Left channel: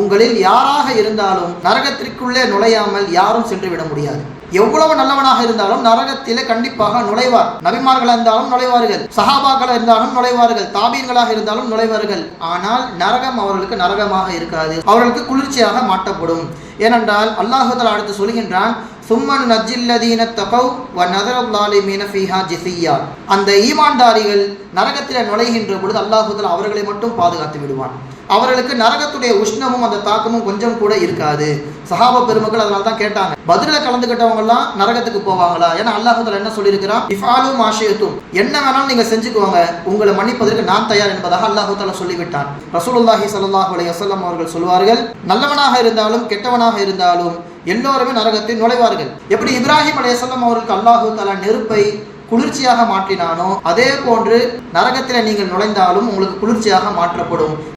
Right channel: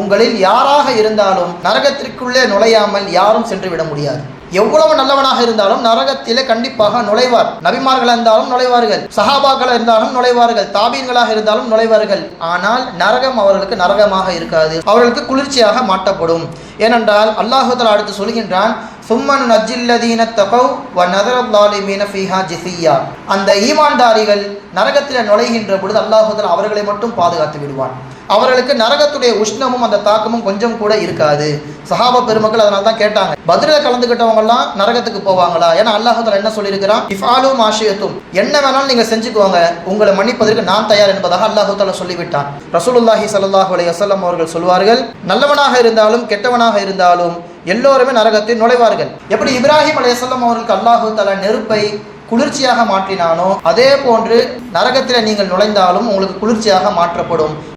உங்களில் யாராக இருந்தாலும் நரகத்திற்குள்ளே நுழையாமல் யாரும் சென்று விட முடியாது. எவ்வளவு நல்லவனாக இருந்தாலும் நரகத்திலே கண்டிப்பாக நுழைவார். நபிமார்களாக இருந்தாலும் நுழைவார்கள், சஹாபாக்கள் இருந்தாலும் நுழைவார்கள், தாபீன்களாக இருந்தாலும் நுழைவார்கள். ஆனால் நரகம் அவர்களுக்கு நரகமாக இருக்காது, அவர்களுக்கு குளிர்ச்சியாக மாட்டப்படும். ஏனென்றால் அல்லாஹ் தஆலா அடுத்து சொல்கின்றான், சும்மன் நஜ்ஜில்லதீன தகவ் வ நதரல் ஸாலிமீன ஃபீஹா ஜிஸிய்யா. அந்த ஈமான்தாரிகள் நரகத்தில் நுழைகின்ற பொழுது அல்லாஹ் தஆலா அவர்களை மட்டும் பாதுகாத்து விடுவான். அவர்களுக்கு நரகத்துடைய உஷ்ணமும் அந்த தாக்கமும் கொஞ்சம் கூட இருக்காது. சஹாபா பெருமக்கள் அதனால தான் கேட்டாங்க, பதிலில் கலந்துக்கிட்டவங்க எல்லாம் நரகத்துக்கு போவாங்களா? ஏன்னா அல்லாஹ் தஆலா என்ன சொல்லியிருக்கிறான், இஃபாலு மா ஷிஅ்தும், என்ன வேணாலும் நீங்க செஞ்சுக்கோங்க, உங்களை மன்னிப்பதற்கு நான் தயார் என்பதாக அல்லாஹ் தஆலா சொல்லிவிட்டான். ரசூலுல்லாஹி ஸல்லல்லாஹு அலைஹி வஸல்லம் அவர்கள் சொல்வார்கள், நல்லவனாக இருந்தாலும் கெட்டவனாக இருந்தாலும் எல்லோருமே நரகத்தில் நுழைவார்கள். எப்படி இப்ராஹிம் அலைஹிஸ்ஸலாம் அவர்களுக்கு அல்லாஹ் தஆலா நெருப்பை குளிர்ச்சியாக மாற்றினானோ அதே போன்று நரகத்தில் நீங்கள் நுழைந்தாலும் உங்களுக்கு குளிர்ச்சியாக மாற்றப்படும்.